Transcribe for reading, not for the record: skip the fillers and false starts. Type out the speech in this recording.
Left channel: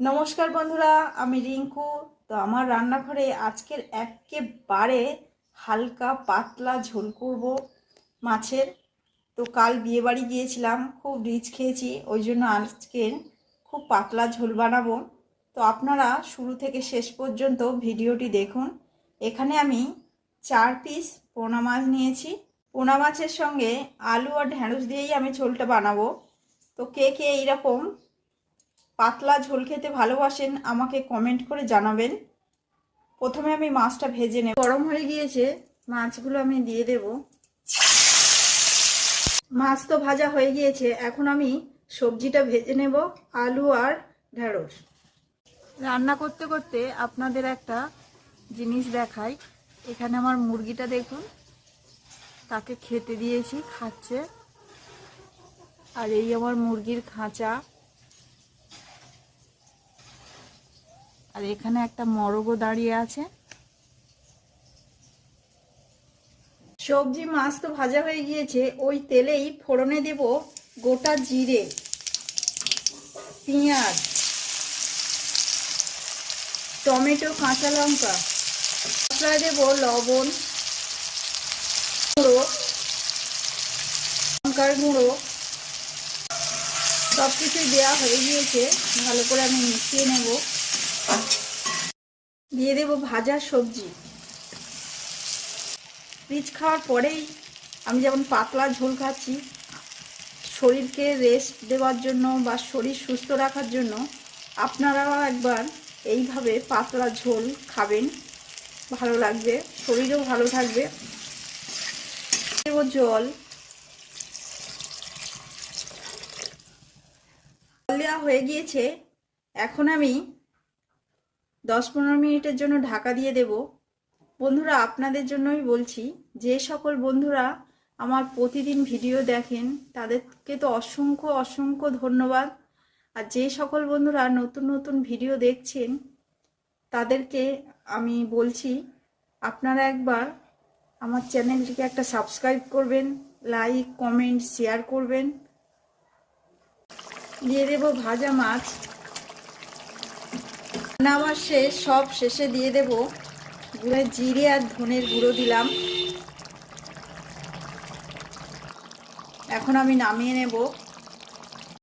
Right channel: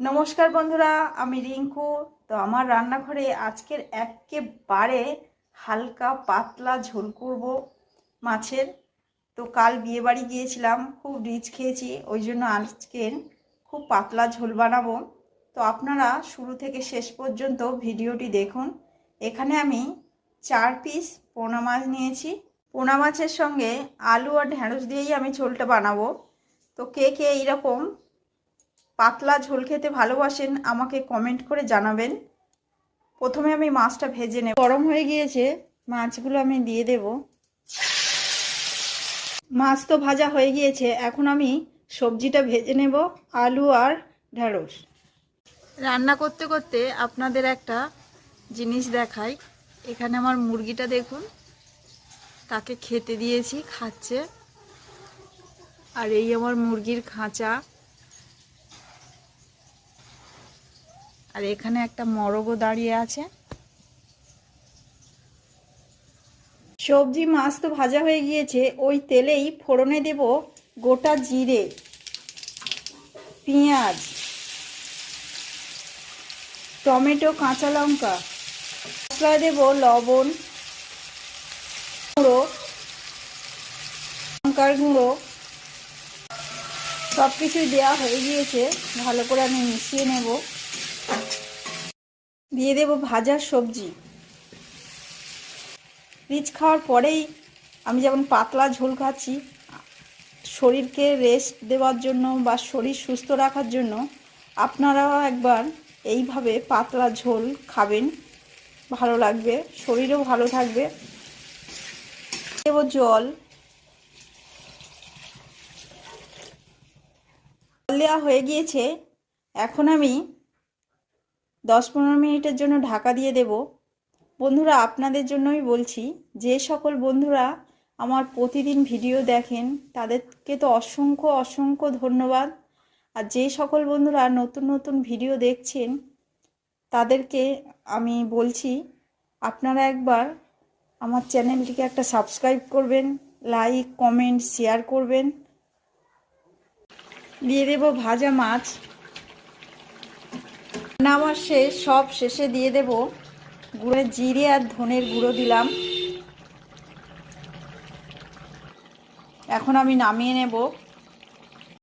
নমস্কার বন্ধুরা, আমি রিঙ্কু। তো আমার রান্নাঘরে আজকের একেবারে হালকা পাতলা ঝোল করব মাছের। তো কাল বিয়েবাড়ি গিয়েছিলাম, খুব রিচ খেয়েছি, ওই জন্য আজকের খুব পাতলা ঝোল বানাবো। তো আপনারা শুরু থেকে শেষ পর্যন্ত ভিডিওটি দেখুন। এখানে আমি 4 পিস পোনা মাছ নিয়েছি। পোনা মাছের সঙ্গে আলু আর ঢেঁড়স দিয়েই আমি ঝোলটা বানাবো। তো কে কে এইরকম পাতলা ঝোল খেতে ভালোবাসেন আমাকে কমেন্ট করে জানাবেন। প্রথমে আমি মাছটা ভেজে নেব। গরম হয়ে গিয়েছে, মাছগুলো আমি দিয়ে দেব। মাছ তো ভাজা হয়ে গিয়েছে, এখন আমি সবজিটা ভেজে নেব, আলু আর ঢেঁড়স। রান্না করতে করতে আপনাদের একটা জিনিস দেখাই। এখানে আমার মুরগিটা দেখুন, তাকে খেতে দিয়েছি, খাচ্ছে। আর এই আমার মুরগির খাঁচা। আর এখানে একটা মরগও দাঁড়িয়ে আছে। সবজি মাছ তো ভাজা হয়ে গিয়েছে, ওই তেলেই ফোড়নে দেব গোটা জিরে, পেঁয়াজ, টমেটো, কাঁচা লঙ্কা। মশলা দেব লবণ গুঁড়ো, লঙ্কার গুঁড়ো, সব কিছু দেওয়া হয়ে গিয়েছে। ভালো করে আমি মিশিয়ে নেব। দিয়ে দেব ভাজা সবজি। রিচ খাওয়ার পরেই আমি যেমন পাতলা ঝোল খাচ্ছি, শরীরকে রেস্ট দেওয়ার জন্য বা শরীর সুস্থ রাখার জন্য আপনারাও একবার এইভাবে পাতলা ঝোল খাবেন, ভালো লাগবে, শরীরও ভালো থাকবে। দেব জল। জল দেওয়া হয়ে গিয়েছে, এখন আমি 10-15 মিনিটের জন্য ঢাকা দিয়ে দেব। বন্ধুরা, আপনাদের জন্যই বলছি, যে সকল বন্ধুরা আমার প্রতিদিন ভিডিও দেখেন তাদেরকে তো অসংখ্য অসংখ্য ধন্যবাদ। আর যে সকল বন্ধুরা নতুন নতুন ভিডিও দেখছেন তাদেরকে আমি বলছি, আপনারা একবার আমার চ্যানেলটিকে একটা সাবস্ক্রাইব করবেন, লাইক কমেন্ট শেয়ার করবেন। দিয়ে দেব ভাজা মাছ। নামার শেষ, সব শেষে দিয়ে দেব গুঁড়ো জিরে আর ধনের গুঁড়ো দিলাম। এখন আমি নামিয়ে নেব।